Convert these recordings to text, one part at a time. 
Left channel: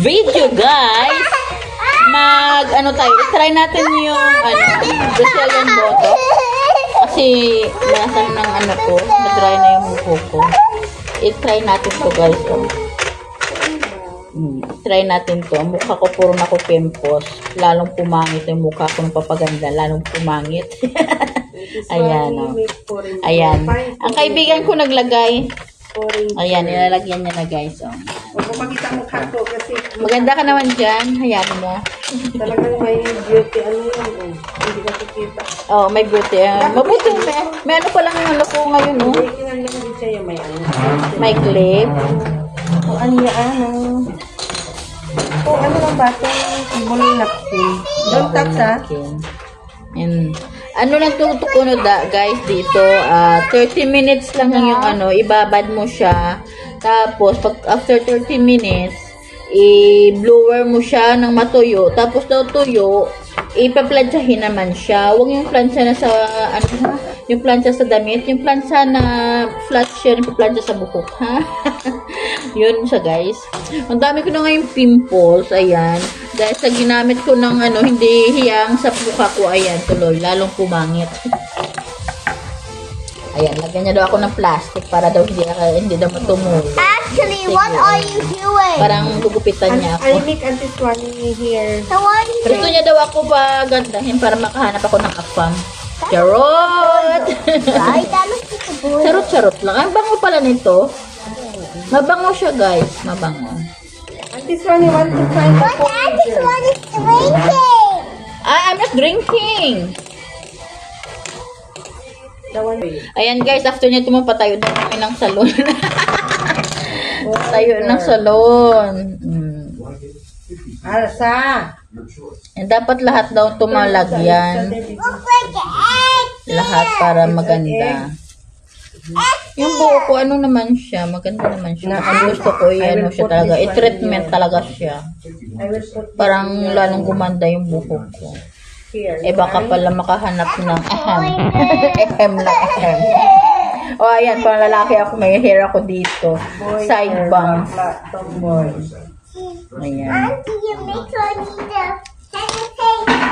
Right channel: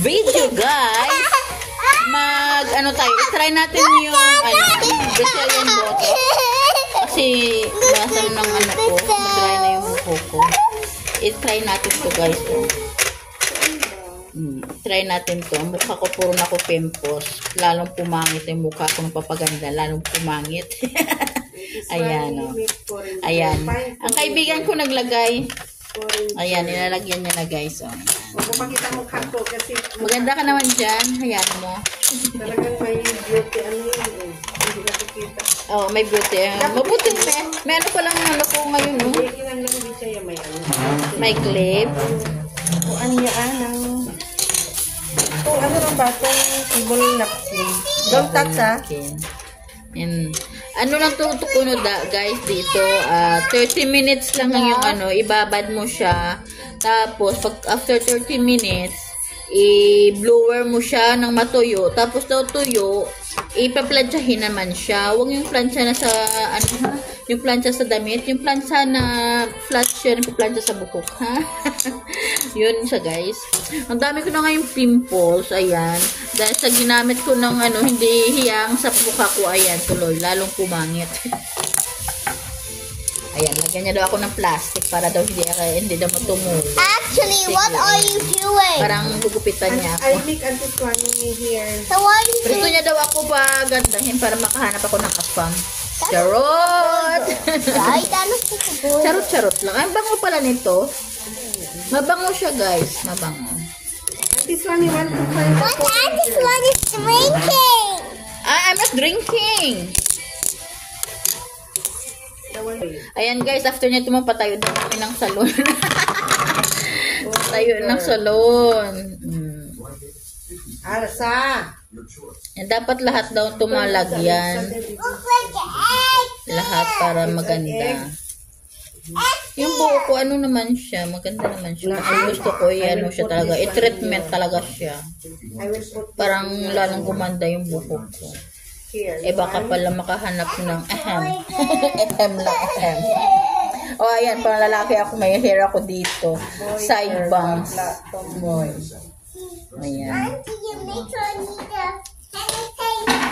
video, guys, try natin yung, Brazilian boto. Kasi, lasan ng ko, mag-dry na yung buko ko. I-try natin to, guys, Try natin to. Ang mukha ko puro na ko pimples. Lalong pumangit yung mukha ko ng papaganda. Lalong pumangit. Ayan, Ayan. Ang kaibigan ko naglagay. Ayan, nilalagyan niya na, guys, Makita mo kato kasi maganda ka naman dyan. Hayaan mo. talagang may beauty. Hindi ka kikita. May beauty. Mabuti. May ano pa lang ang ko ngayon, May clip. Ano lang ba ito? Ball napkin. Don't touch, ha? And, ano lang tutukunod, guys, dito. 30 minutes lang yung ibabad mo siya. Tapos, after 30 minutes, i-blower mo siya ng matuyo. Tapos, daw tuyo, ipa-planchahin naman siya. Huwag yung plancha na sa, yung plancha sa damit. Yung plancha na flat siya, yung plancha sa buhok, ha? Yun siya, guys. Ang dami ko na ngayong pimples, ayan. Dahil sa ginamit ko ng, hindi hiyang sa mukha ko, ayan, tuloy. Lalong pumangit. Ayan, lagyan niya daw ako ng plastic para daw hindi daw matumulo. Actually, what are you doing? Parang gugupitan niya ako. I make Auntie Swanny here. Gusto niya daw ako pagandahin para makahanap ako ng afam. Charot! Charot lang. Ang bango pala nito. Mabango siya, guys. Mabango. Auntie Swanny, want to try? What Auntie Swan is drinking? I'm not drinking. Ayan, guys. After niya patayo na kami ng salon. Tayo ng salon. Alsa! Dapat lahat daw tumalagyan. Lahat para maganda. Yung buhok ko, naman siya. Maganda naman siya. Ang gusto ko, siya talaga. I-treatment talaga siya. Parang lalong gumanda yung buhok ko. Baka pala makahanap ng ahem. Ayan, pang lalaki ako, may hair ako dito. Side bangs. Ayan.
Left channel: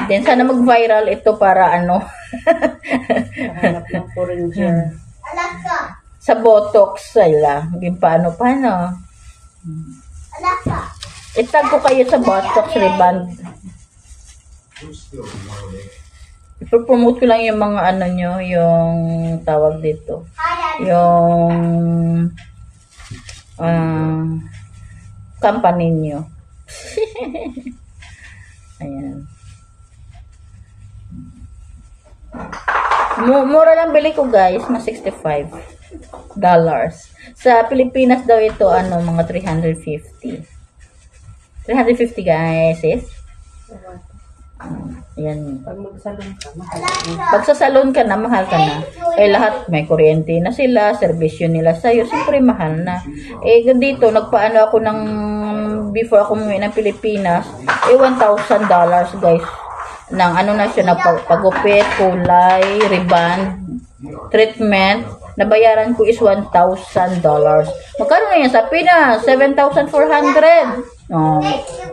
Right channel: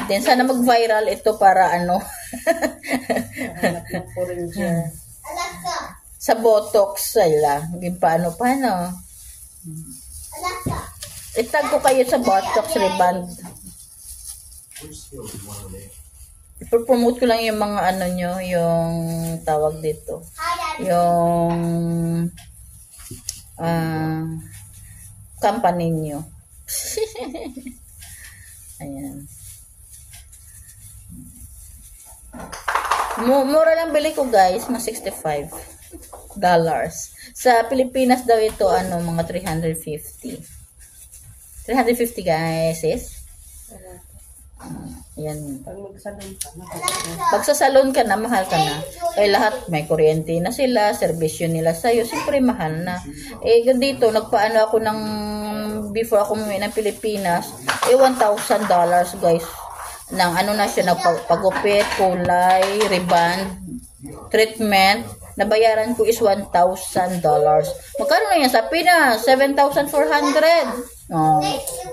Then, sana mag-viral ito para sa botox, paano. Itag ko kayo sa botox reband. I-promote ko lang yung mga yung tawag dito. Yung company nyo. Ayan. Mura lang bili ko, guys, na $65. Sa Pilipinas daw ito, mga 350. 350, guys, Ayan. Pag sa salon ka na, mahal ka na. Lahat may kuryente na sila, servisyo nila sa'yo, siyempre mahal na. Dito, nagpaano ako ng, before ako umuwi ng Pilipinas, $1,000, guys. Nang na siya, pagupit, kulay, ribbon, treatment. Nabayaran ko is $1,000. Magkano na yan sa Pinas? 7,400.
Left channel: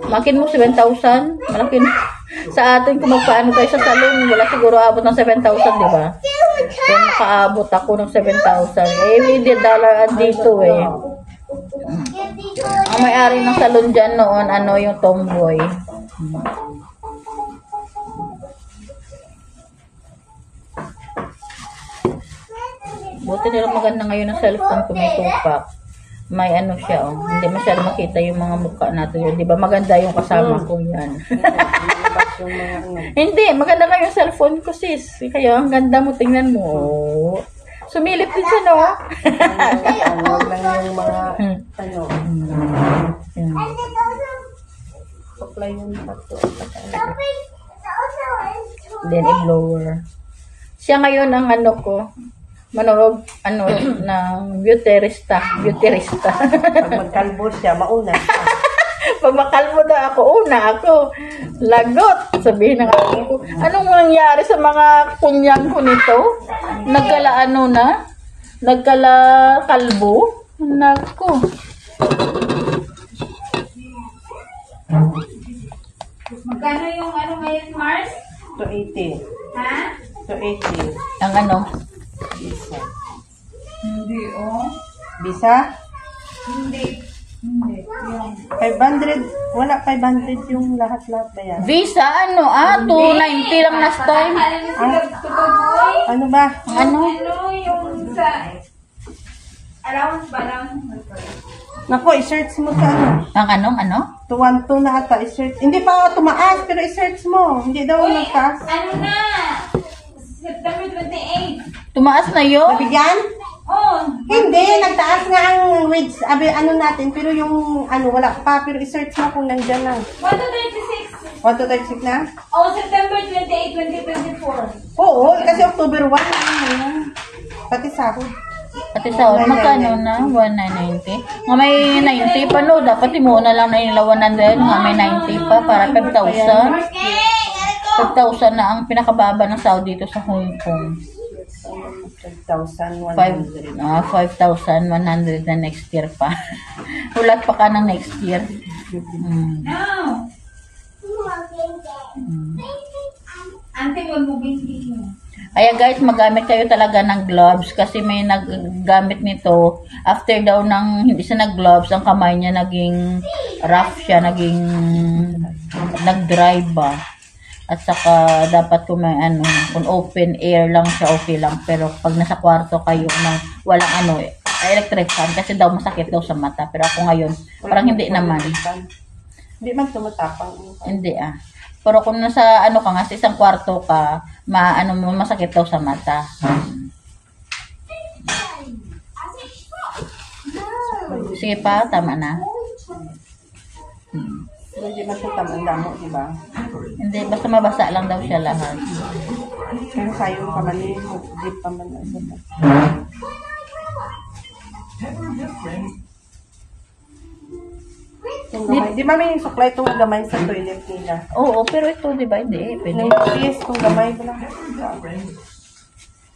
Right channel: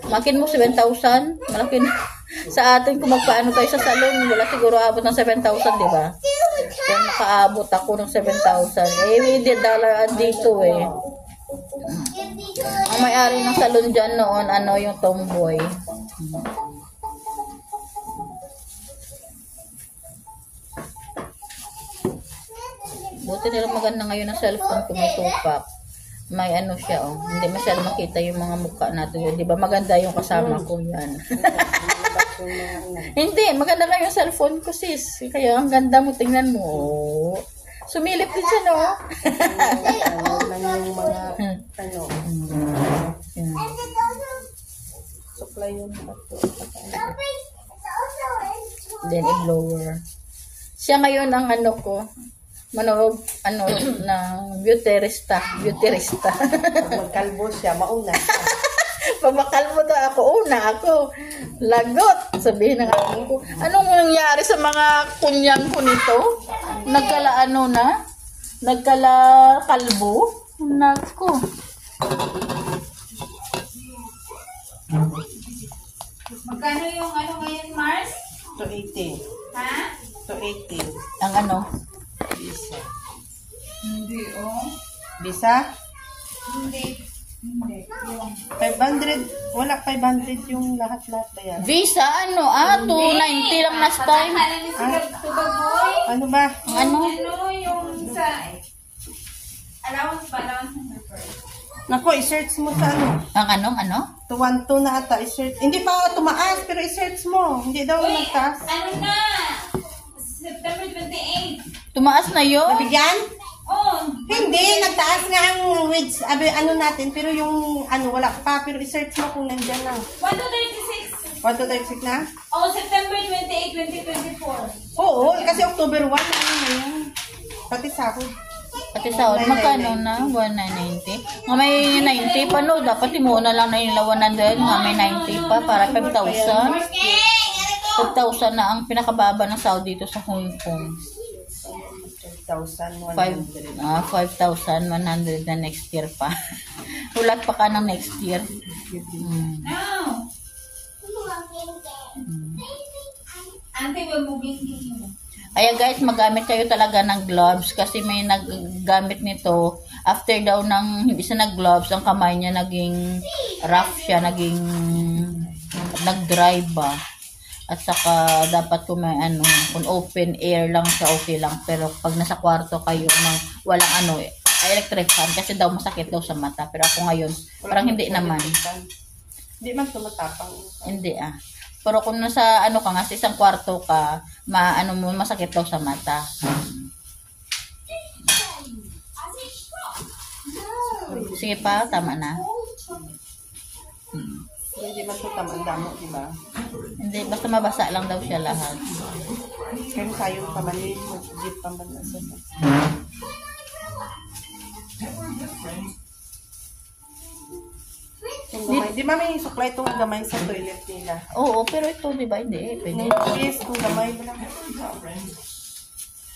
Makin mo 7,000, malaki na. Sa atin, kung magpaano tayo sa salon, wala siguro abot ng 7,000, di ba? Kaya nakaabot ako ng 7,000. Hindi dollar dito, Ang may-ari ng salon dyan noon, yung tomboy. Buti nila maganda ngayon ang cellphone ko, may tupak. May siya, Hindi masyado makita yung mga mukha natin. Di ba maganda yung kasama ko yan. Hindi, maganda kayo yung cellphone ko, sis. Kaya ang ganda mo, tingnan mo. Sumilip din siya, no? Yung mga, supply mo na ito. Then, i-blower. Siya ngayon ang ko. Manood, ng beautyrista. Pag magkalbo siya, mauna. Pag makalbo na ako, una ako. Lagot! Sabihin ng ko. Anong nangyari sa mga kunyang ko nito? Nagkala Nagkala kalbo? Nako. Visa? Hindi. 500. Wala 500 yung lahat-lahat na yan. Visa, 290 lang last time. Ano ba? Ano? Yung sa allowance ba lang? Naku, i-search mo sa Ang ano? 212 na ata, i-search. Hindi pa tumaas, pero i-search mo. Hindi daw nagtaas. Ano na? September 28. Tumaas na yun? Nabigyan? Oh, Hindi, nagtaas nga ang wage, natin, pero yung wala pa, pero i-search mo kung nandyan lang. 1 to 36. 1 to 36 na? Oh, September 28, 2024. Oo, kasi October 1 pati sahod. Pati sa magkano na? 190? Nga may 90 pa no. Dapat mo na lang na yung 100. Nga may 90 pa para 5,000. 5,000 na ang pinakababa ng sahod dito sa Hong Kong. 5,100. 5,100 na next year pa. Ulat pa ka ng next year. No. Ante, yung moving mo. Kaya guys, magamit kayo talaga ng gloves kasi may naggamit nito. After daw ng hindi siya nag-gloves, ang kamay niya naging rough siya, naging nag-dry ba. At saka dapat kung may kung open air lang siya, okay lang. Pero pag nasa kwarto kayo ng walang electric fan, kasi daw masakit daw sa mata. Pero ako ngayon, parang hindi naman. Hindi man tumatapang. Hindi Pero kung nasa ka nga, sa isang kwarto ka, masakit daw sa mata. Sige pa, tama na. Hindi ba ito tamang mo, di ba? Hindi, basta mabasa lang daw siya lahat. Pero sayo pa man yun, mag-jeep pa man sa Di ba may supply itong gamay sa toilet nila? Oo, pero ito, di ba? Hindi, pwede. Yes, itong gamay ko lang.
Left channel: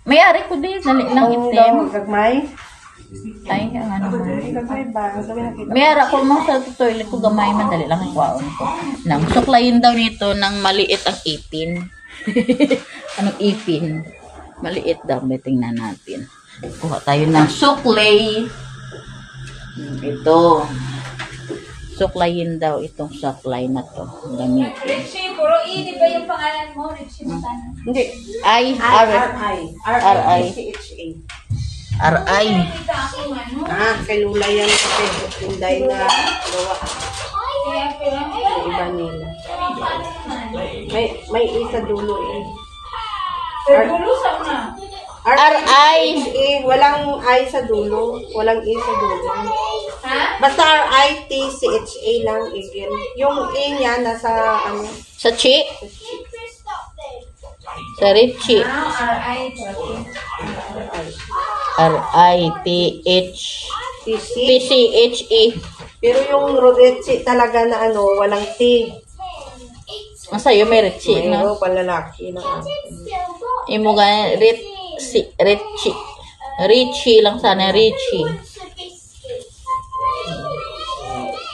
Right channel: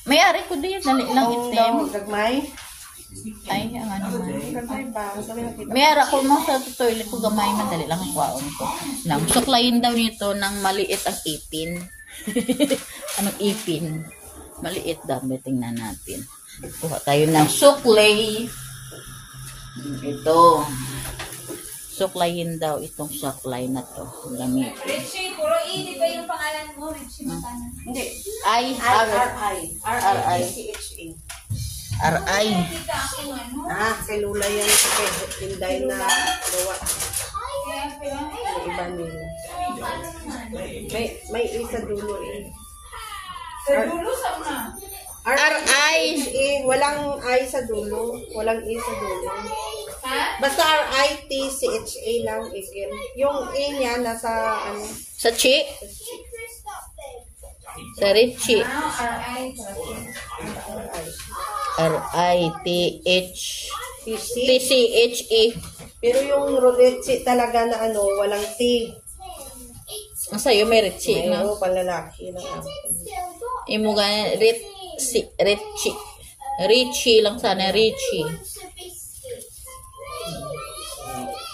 May-ari ko din, dali lang itim. Gamay? Ay, ang Gamay ba? Gawin na kita. May-ari ko mo sa toilet ko, gamay man, dali lang ikwaon ko. Nang suklayin daw nito ng maliit ang ipin. Anong ipin? Maliit daw, tingnan natin. Kuha tayo ng suklay. Ito. Suklayin daw itong suklay na to. Gamit. Richie, puro E, di ba yung pangalan mo? Richie Matanan. Hindi. R-I. R-I-C-H-A. R-I. Nakita ako Kay Lula yan kasi yung dahil na gawa Kaya pala, sa iba nila. May isa dulo eh. sa dulo sa una. R-I. Walang I sa dulo. Walang E sa dulo. Ha? Basta R-I-T-C-H-A lang, Igil. Yung E niya nasa Sa Chi. Sa Richie. Now, R.I. R-I-T-H. T-C. T-C-H-E. Pero yung Rodetsi talaga na walang T. Ang sa'yo may Richie, no? Mayroon palalaki na Imo ga Richie. Richie lang sana, Richie.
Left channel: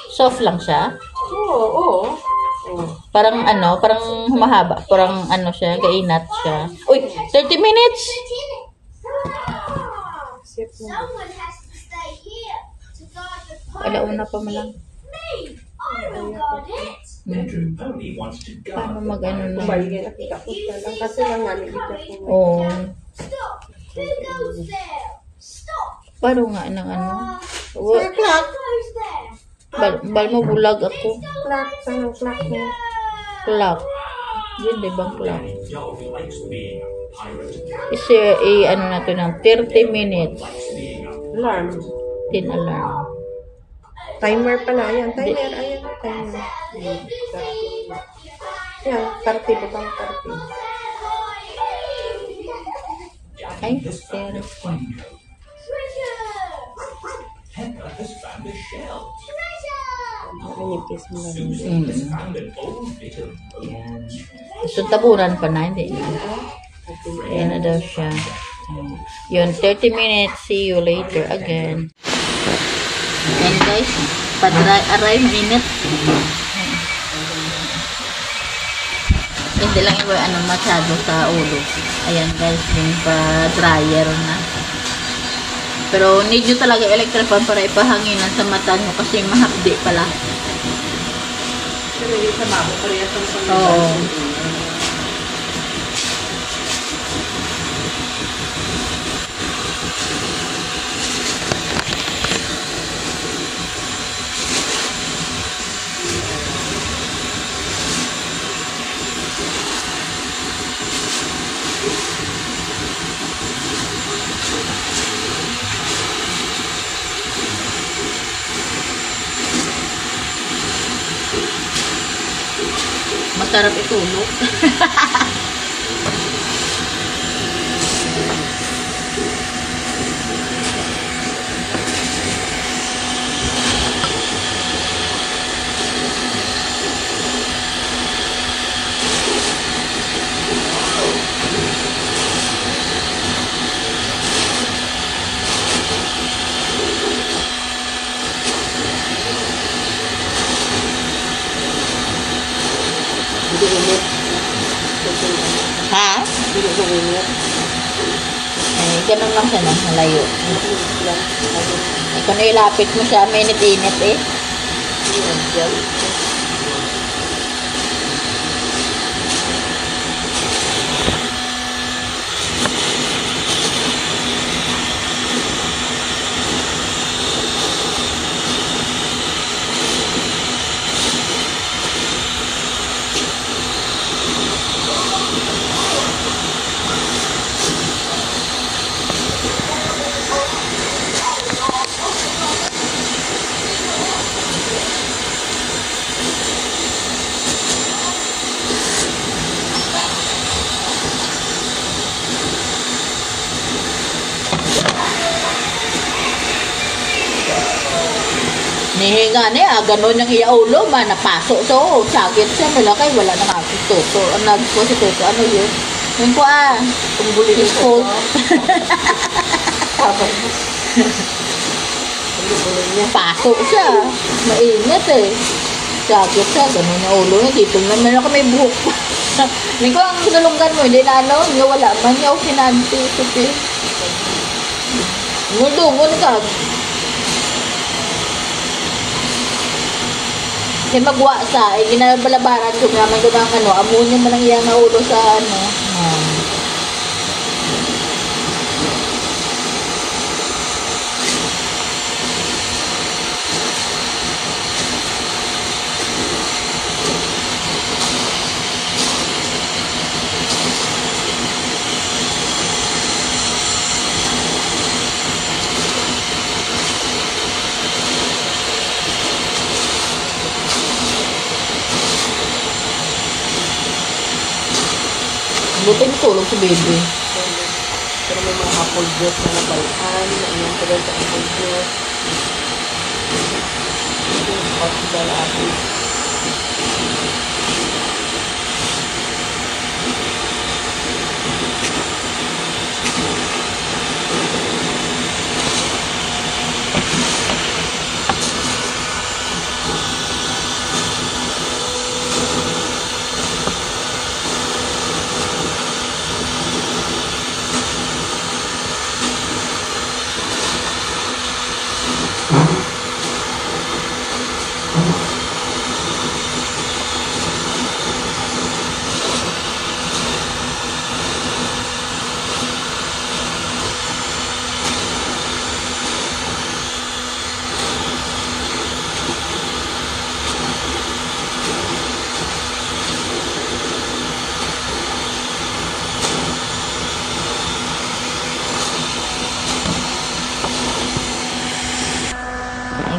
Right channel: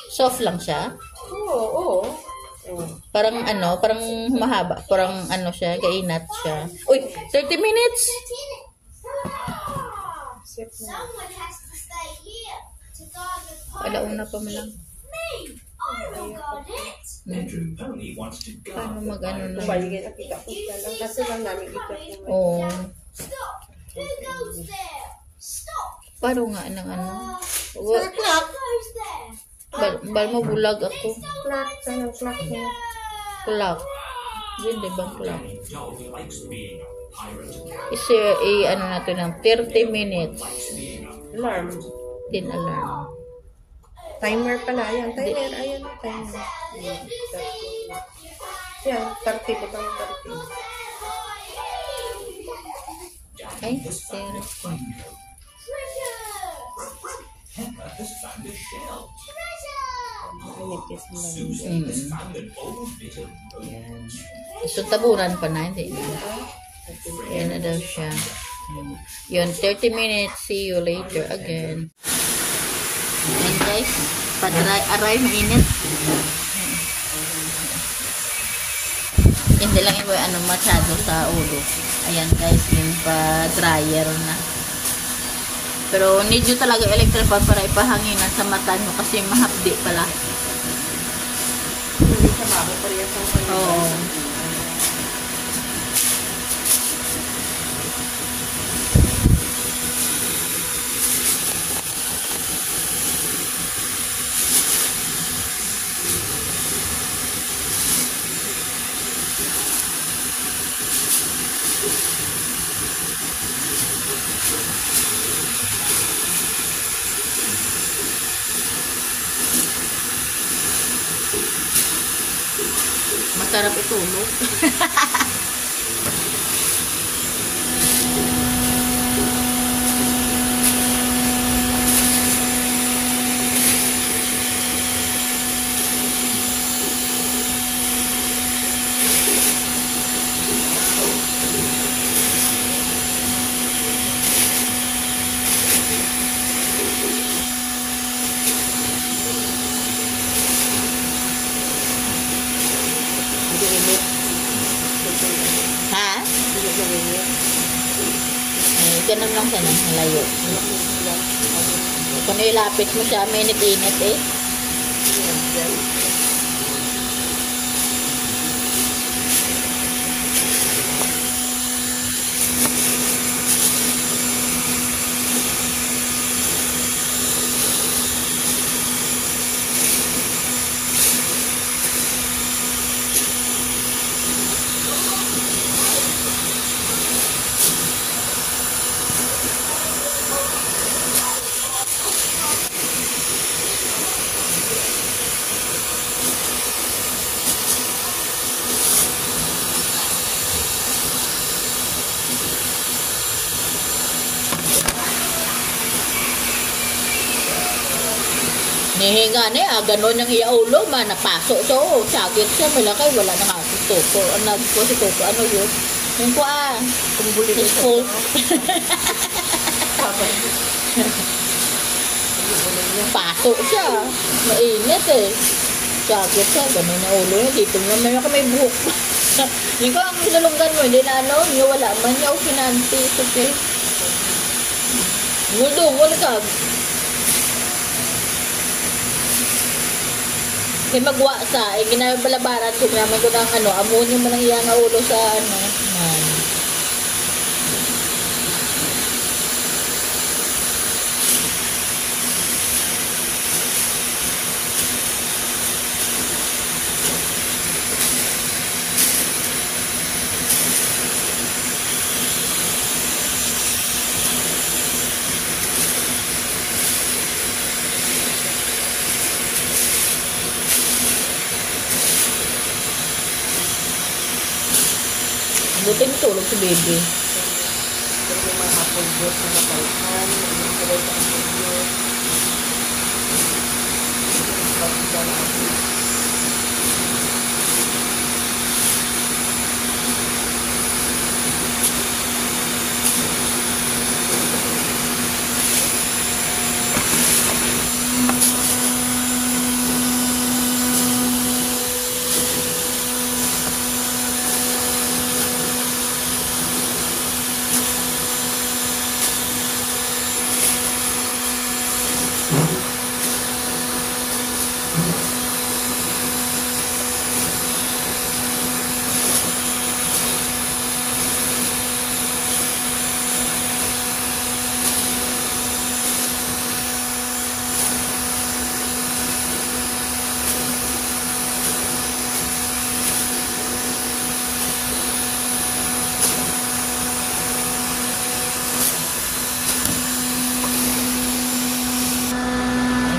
Soft lang siya. Oo. Parang parang humahaba. Parang siya, kainat siya. Uy, 30 minutes! Someone has to stay here to guard the pond. Alauna pa mo lang. Me! I will guard it. Ano na? Baligay nakita ko siya lang. Kasi lang namin ito. Oo. Stop! Who goes there? Stop! Paano nga ng Clock. Who's there? Bal mo bulag ako. Clock. Anong clock mo? Clock. Yun, di ba clock? I-share, natin ng 30 minutes. Alarm. Tin alarm. Timer pala. Ayan, timer. Ayan, timer. Ayan, 30 butang 30. Ay, 30. Inipis mo lang. Yan. So, taburan pa na, hindi na. Ayan na daw siya. Yun, 30 minutes. See you later again. Ayan guys, pa-dry, mainit. Hindi lang iba masyado sa ulo. Ayan guys, yung pa-dryer na. Pero need nyo talaga electric fan para ipahanginan sa mata nyo kasi mahapdi pala. Pero hindi sa babo, parehas ang sanay. Oo. Masarap itulog. Hindi init. Ha? Hindi ko init. Eh, ganun lang siya nang malayo. Kung ilapit mo siya, mainit-init eh. Nihinga niya, gano'n yung iaulo, napasok siya, sakit siya, malakay, wala na nga si Toto. Ano ko si Toto, ano yun? Yung ko Tunggulo yung cold. Pasok siya, mainit eh. Sakit siya, gano'n yung ulo niya, dito naman ako may buhok. Hindi ko ang salunggan mo, hindi na ano, hindi wala man, hindi ako kinanti. Dumon ka. Kasi magwa sa, ginabalabaran ko naman doon ang ano, amoy niya man ang iyang naulo sa ano. Buti natulog si baby. Pero may mga apple juice na nabalhan. Anong tagal sa apple juice. Ito yung pagkagalapis.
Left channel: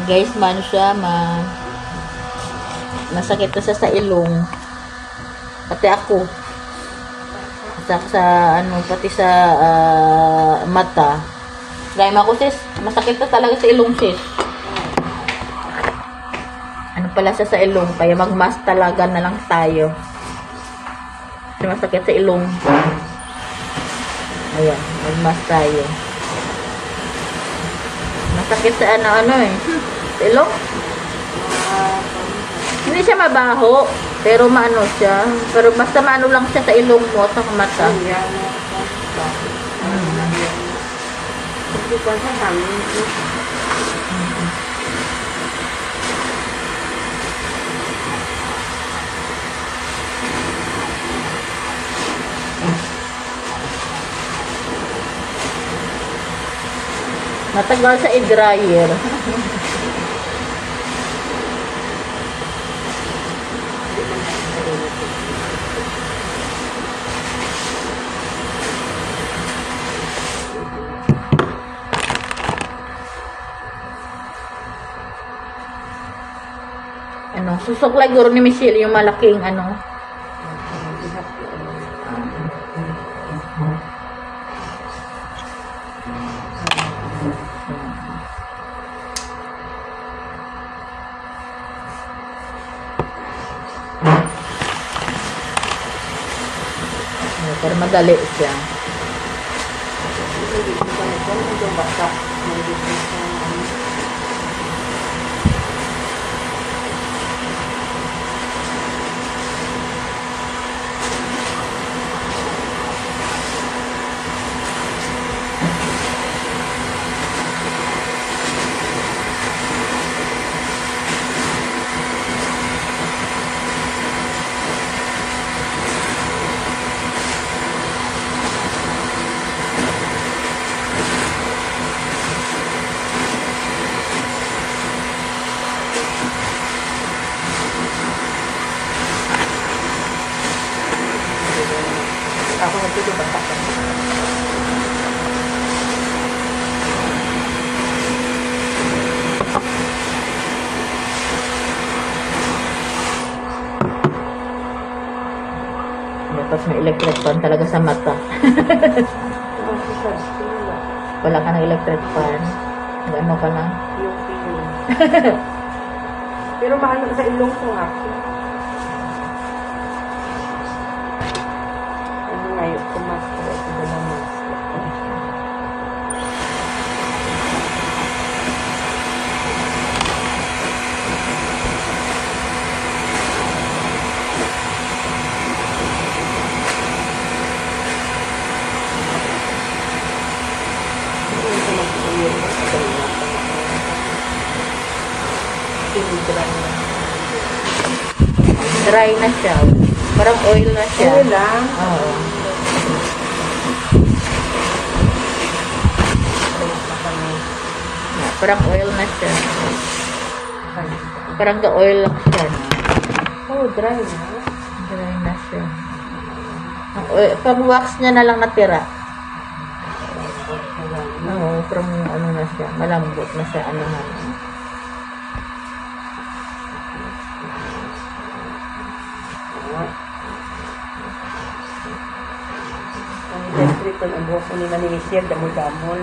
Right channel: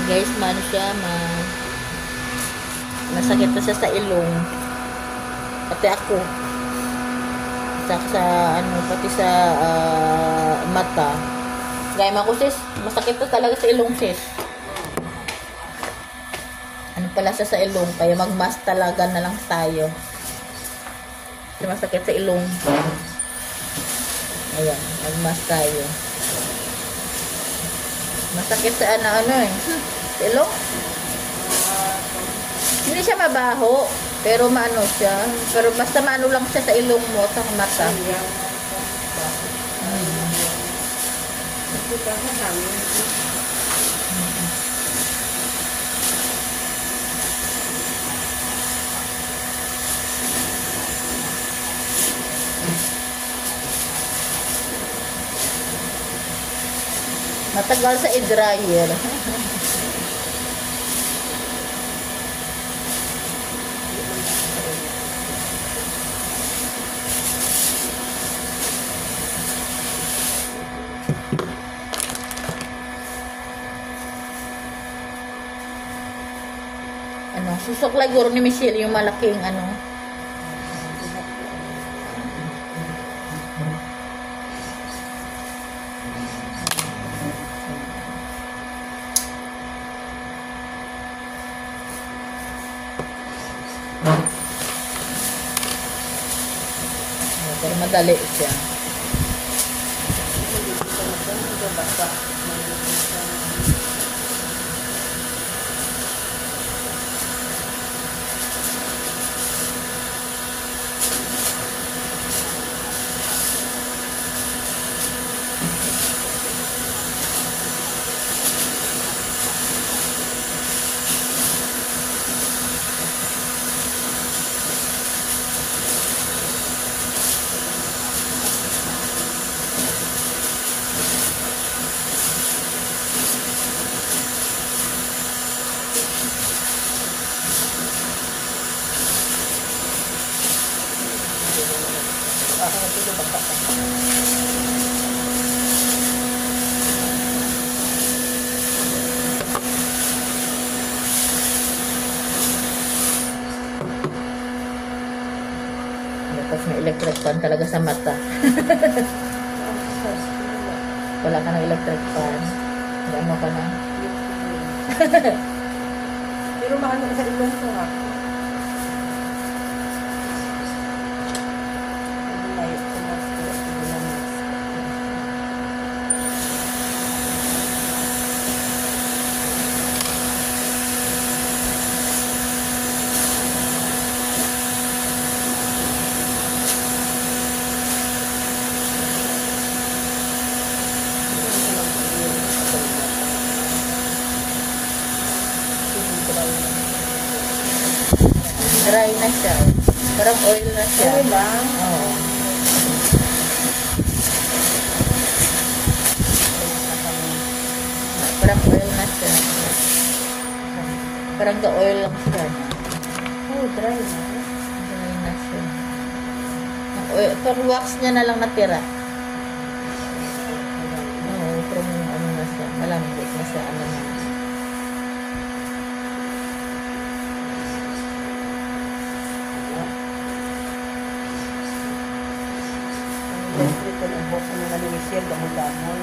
Guys, man siya, masakit na siya sa ilong. Pati ako. Sa ano, pati sa mata. Gaya mo ako, sis. Masakit na talaga sa ilong, sis. Ano pala siya sa ilong. Kaya mag-mask talaga na lang tayo. Kasi masakit sa ilong. Ayan, mag-mask tayo. Masakit sa ano eh. Ilong. Hindi siya mabaho. Pero maano siya. Pero basta maano lang siya sa ilong mo. Sa mata. Ikuan sa hangin. Matagal sa i-dryer. Ano, susuklay guro ni Michelle yung malaking ano. Para madali siya. Ako nagtutulog ako. Tapos may electric fan talaga sa mata. Wala ka ng electric fan. Ano ka lang? Pero mahal sa ilong ko nga ako. Ano nga yung tumasko? Ito ba naman? Dry na siya. Parang oil na siya. Ano lang? Oo. Parang oil na siya. Parang ka-oil lang siya. Oh, dry. Dry na siya. Pang-wax niya na lang natira. Oo, parang ano na siya. Malambot na siya. Ano na. Ang buhok ko nila ni Michelle, damol-damol.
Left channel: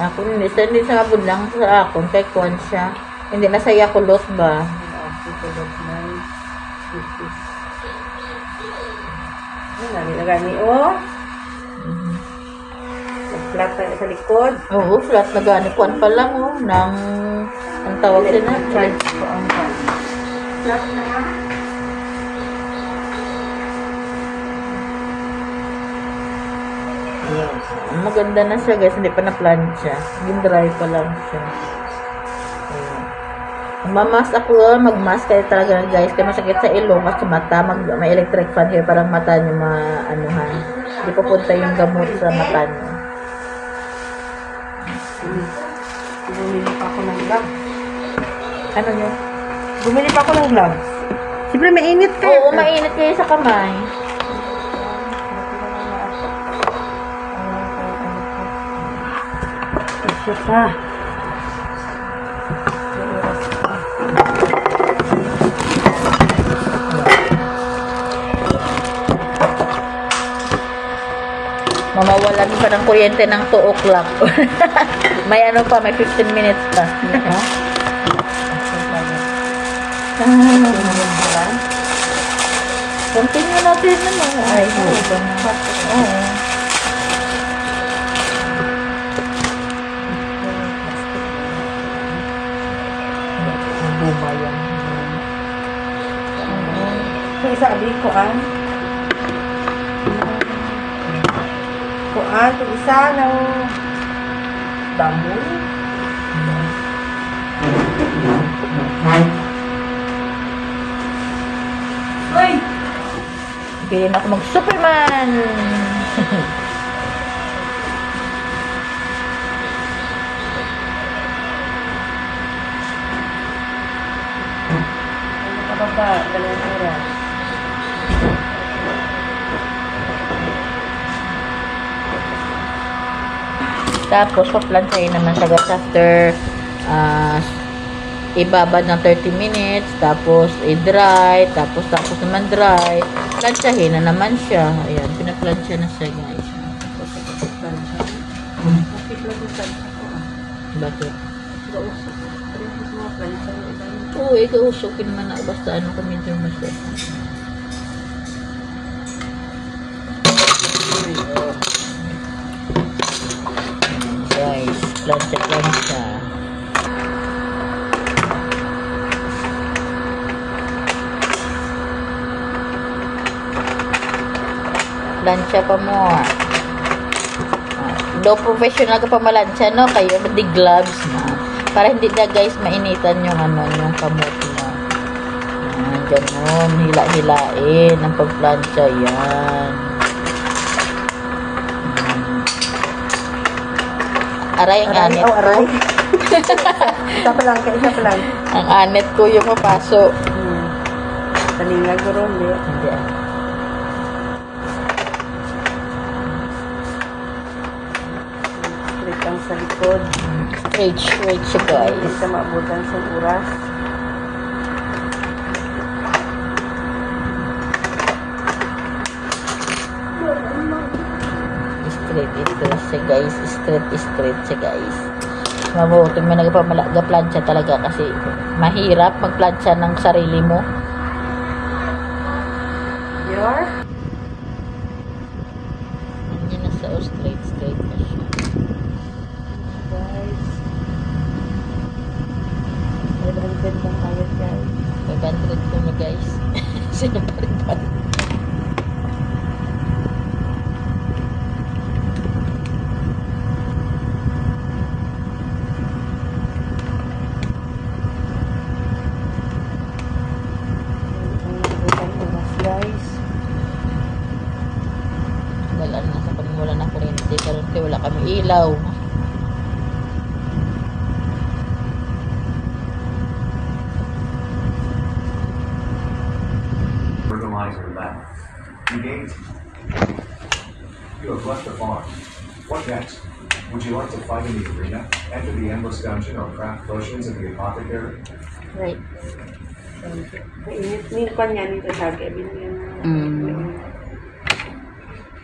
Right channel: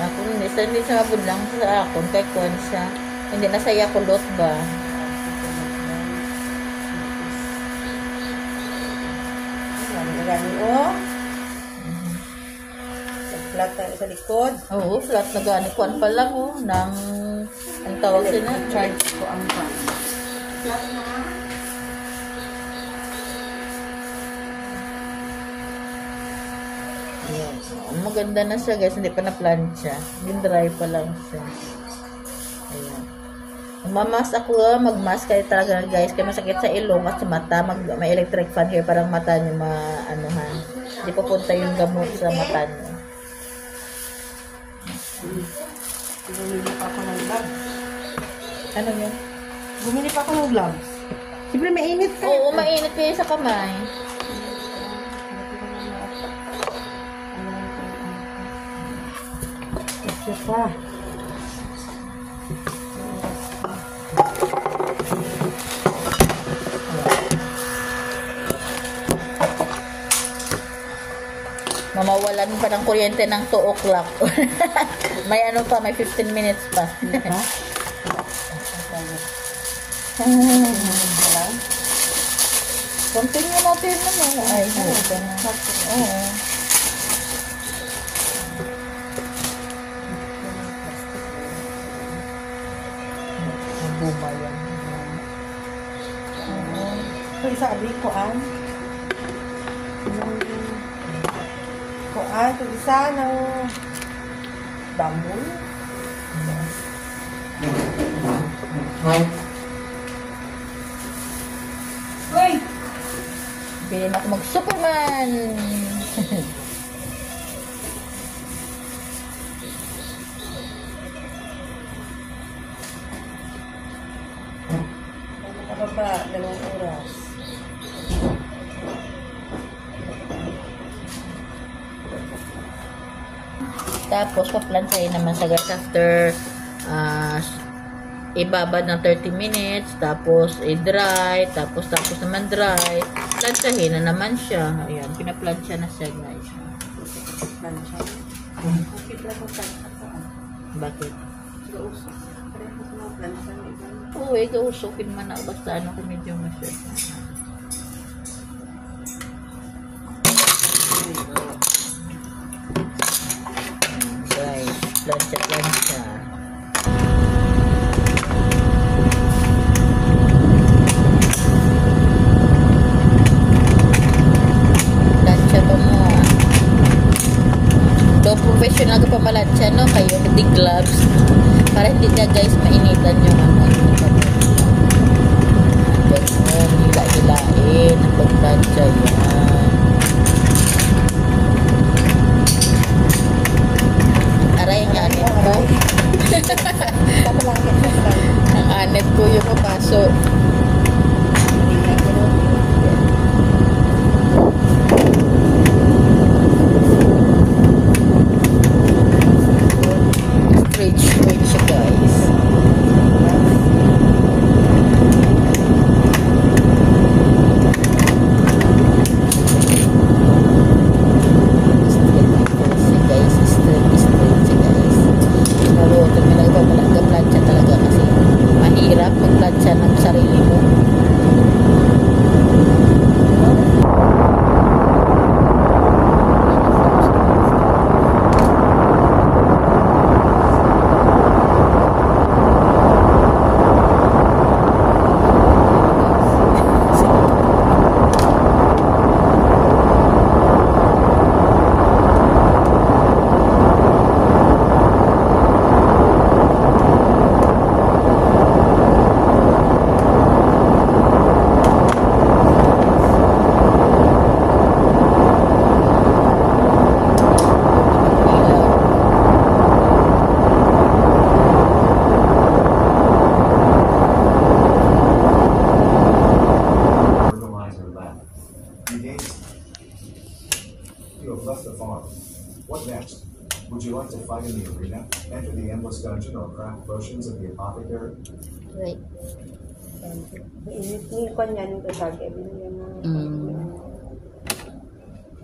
Ako hindi sa abon lang sa akon kay Kwan siya. Hindi na saya kulot ba? Nagani, oh. Flat na sa likod. Oo, flat na gani. Kwan pa lang, oh. Ang tawag din na. Charge ko ang flat na nga. Maganda na siya guys, hindi pa na-plancha. Yung dry pa lang siya. Mamas ako, magmask kayo talaga guys. Kaya masakit sa ilong at sa mata. May electric fan kayo, parang mata nyo maanuhan. Hindi pupunta yung gamot sa mata nyo. Bumili pa ako ng gloves. Ano yun? Bumili pa ako ng gloves. Siyempre mainit ka. Oo, mainit kayo sa kamay. Siya pa. Mamawalan pa ng kuryente ng 2 o'clock. May ano pa, may 15 minutes pa. Continue natin naman. Ay, Ito isa abig kuan. Kuan, ito isa ng bamboo. Uy! Bilhin ako mag-Superman! Ano ka ba? 2 oras. Tapos, paplansyahin naman sa gas after ibabad ng 30 minutes, tapos i-dry, tapos naman dry. Plansyahin na naman siya. Ayan, pinaplansya na siya, guys. Bakit? Oo, ikaw-usukin man na. Basta ano kami dyan masya. Guys, plansya. Plansya pa mo. Do professional ka pa malansya, no? Kayo, di gloves. Para hindi na guys mainitan yung ano, yung kabut. Diyan mo, hila-hilain ang pagplansya yan. Aray ang anet ko. Aray. Isa pa lang. Ang anet ko yung papasok. Nalingan ko rin eh. Rage siya guys. Mabuti may nagpa-plansya talaga kasi mahirap magplansya ng sarili mo. Would you like to fight in the arena? Enter the endless dungeon or craft potions at the apothecary? Right. Nilpan nga nito lagi. Binigyan na.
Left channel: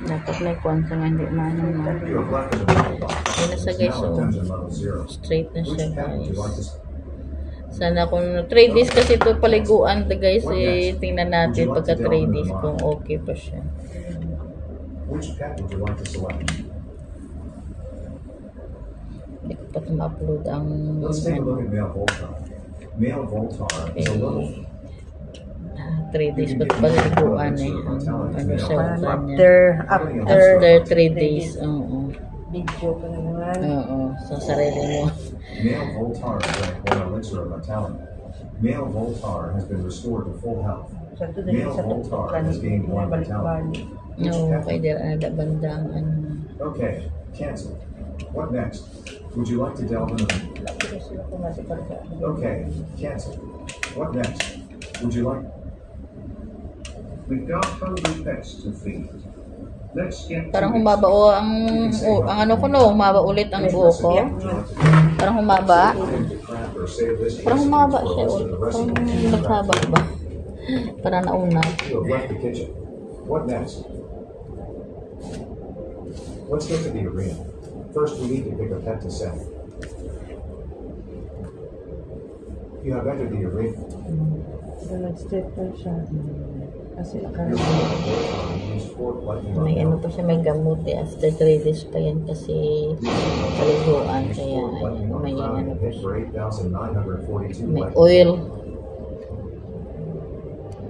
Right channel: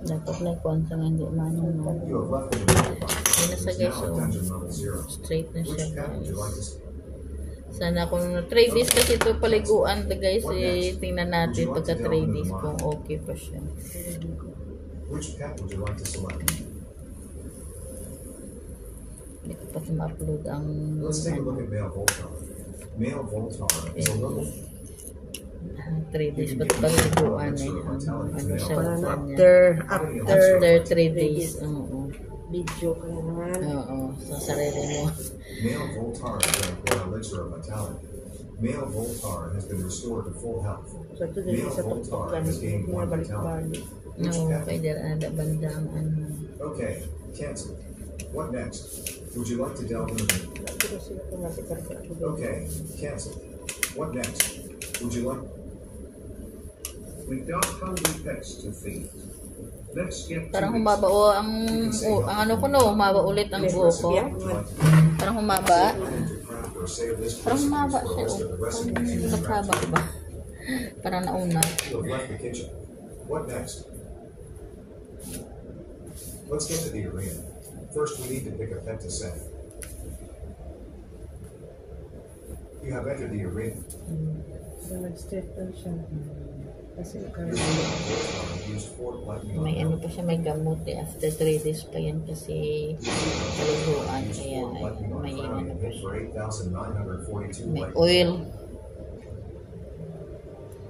Dapat may kwansa nga hindi manong no. You have left the battle box. Ayun na sa It's guys, now at so dungeon level 0. straight na siya Which path would you like guys. to Sana kung 3 days kasi ito paliguan to guys, eh, tingnan natin pagka 3 days kung okay pa siya. Which pet would you like to select? Hindi ko pa ma-upload ang Let's take a look at male Voltar. Male Voltar is a level 3 days pa ito paliguan eh. Ano siya kanya. After 3 days, oo. Video ko na naman. Oo, sa sarili mo. Male Voltar drank 1 elixir of vitality. Male Voltar has been restored to full health. Male Voltar has gained 1 vitality. Which No, pet? pwede ada bandang ano. Okay, cancel. What next? Would you like to delve into the... Okay, cancel. What next? Would you like... We've got hungry pets to feed. Let's get Parang to it. humaba o ang ano ko no, humaba ulit ang buho ko. Parang humaba. Parang humaba siya ulit. Parang naghaba ba? Parang nauna. You have left the kitchen. What next? Let's get to the arena. First, we need to pick a pet to send. You have entered the arena. Nag-straight na siya. Kasi Your nakaroon. Voltar used 4 lightning May ano round. pa siya, may gamot eh. After 3 days pa yan kasi paliguan. Kaya ayan, may ano pa siya. For 8,942 May lightning. oil.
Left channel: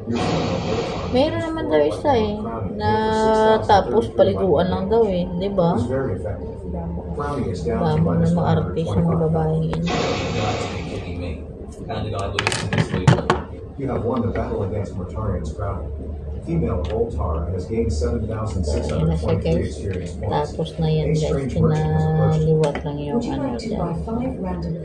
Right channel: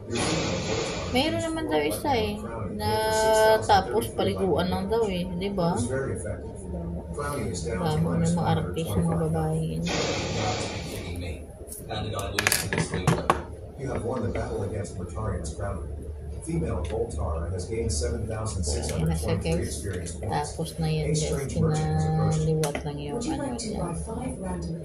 Your Voltar Mayroon naman daw isa eh. Na tapos paliguan lang daw eh. Di ba? was very effective. Frowning is down to Bamo na minus mga artist ng mga babaeng yun. Kidding me. And the guy looks at this way. You have won the battle against Mortarian's Crowning. Female Voltar has gained Ayan na siya 7,623 guys. experience points. Tapos na yan A guys. strange merchant has approached. Pinaliwat lang yung Would you ano like to dyan. buy 5 random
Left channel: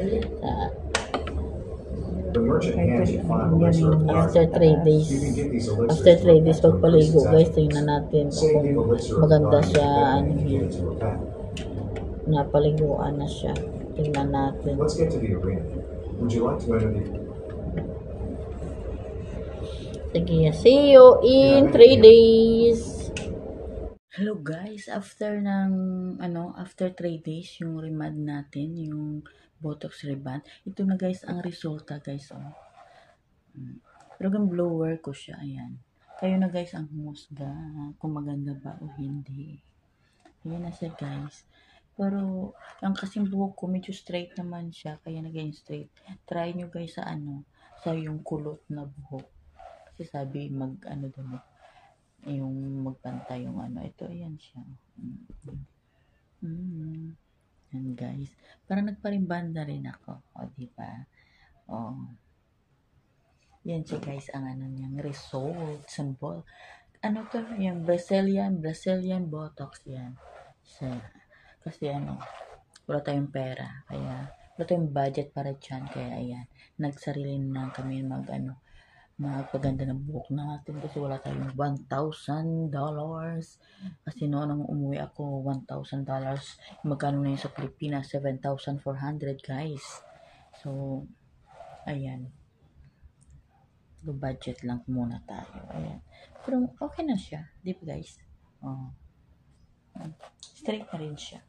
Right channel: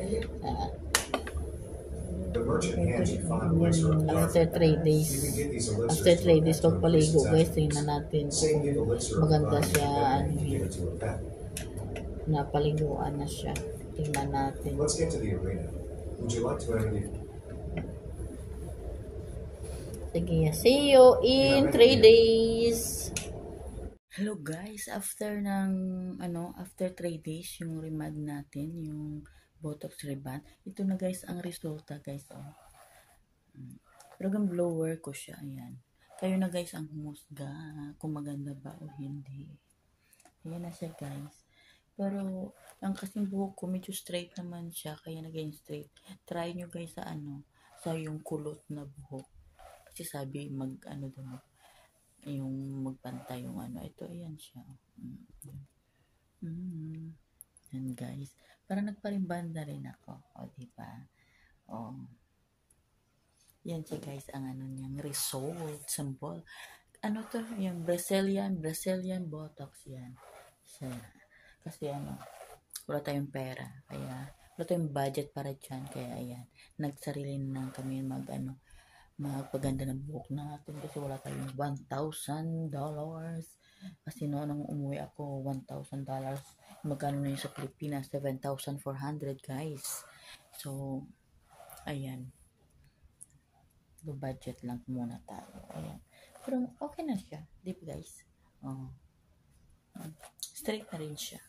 The merchant hands you 5 elixir of life. After 3 days. You can get these elixirs After 3 days to increase pagpaligo its guys, efficacy. tingnan natin Same kung give elixir of maganda life siya, and ano you can yun, give it to a pet. napaliguan na siya. Tingnan natin. Let's get to the arena. Would you like to enter the... Sige, see you in 3 days. Hello guys, after 3 days yung remad natin, yung Botox reband. Ito na guys ang resulta guys. Oh. Talagang blower ko siya, ayan. Kayo na guys ang humusga kung maganda ba o hindi. Ayan na siya guys. Pero ang kasing buhok ko medyo straight naman siya, kaya naging straight. Try nyo guys sa sa yung kulot na buhok. Kasi sabi yung magpantay yung ito, ayan siya. And guys, parang nagparimbanda rin ako. O, diba? O. Yan siya guys, ang niyang result, symbol. Ano to? Yung Brazilian Botox yan. Siya. Kasi wala tayong pera. Kaya, wala tayong budget para dyan. Kaya, ayan, nagsarili na kami magpaganda ng buhok natin kasi wala tayong $1,000. Kasi nung umuwi ako, $1,000. Magkano na yun sa Pilipinas? 7,400 guys. So, ayan. Low budget lang muna tayo. Ayan. Pero okay na siya. Di ba guys? Oh. Straight na rin siya.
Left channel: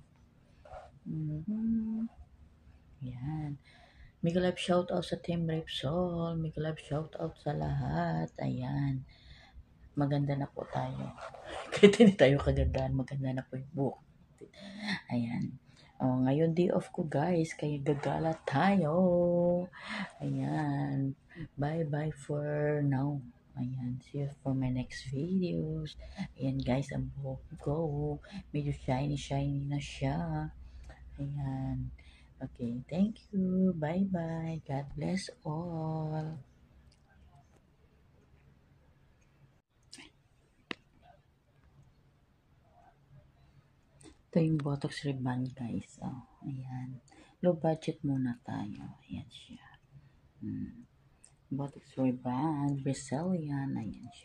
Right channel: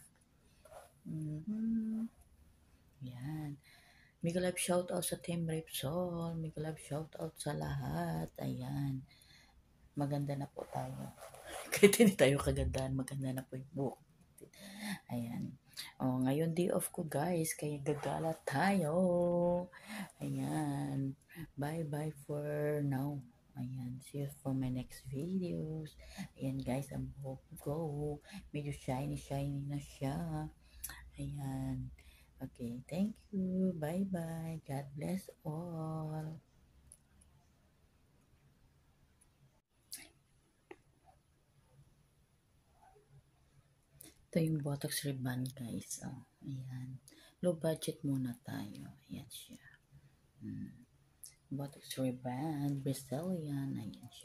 Ayan. Mega love shoutout sa Team Repsol. Mega love shoutout sa lahat. Ayan. Maganda na po tayo. Kahit hindi tayo kagandahan, maganda na po yung buhok. Ayan. Ngayon day off ko guys. Kaya gagala tayo. Ayan. Bye for now. Ayan. See you for my next videos. Ayan guys, ang buhok ko. Medyo shiny na siya. Ayan. Okay, thank you. Bye-bye. God bless all. Ito yung Botox reband, guys. Oh, ayan. Low budget muna tayo. Ayan siya. Botox reband, Brazilian. Ayan siya.